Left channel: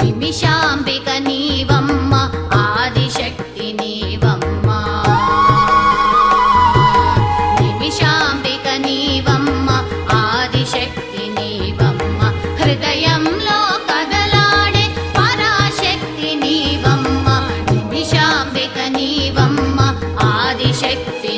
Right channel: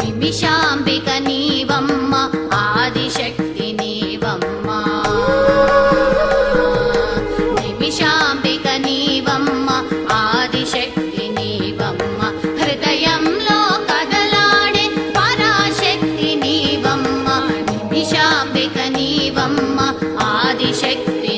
నిమిషాంబిక నీవమ్మ ఆదిశక్తి నీవమ్మ నిమిషాంబిక నీవమ్మ ఆదిశక్తి నీవమ్మ హృదయంలో కదలాడే పరాశక్తి నీవమ్మ నిమిషాంబిక నీవమ్మ ఆదిశక్తి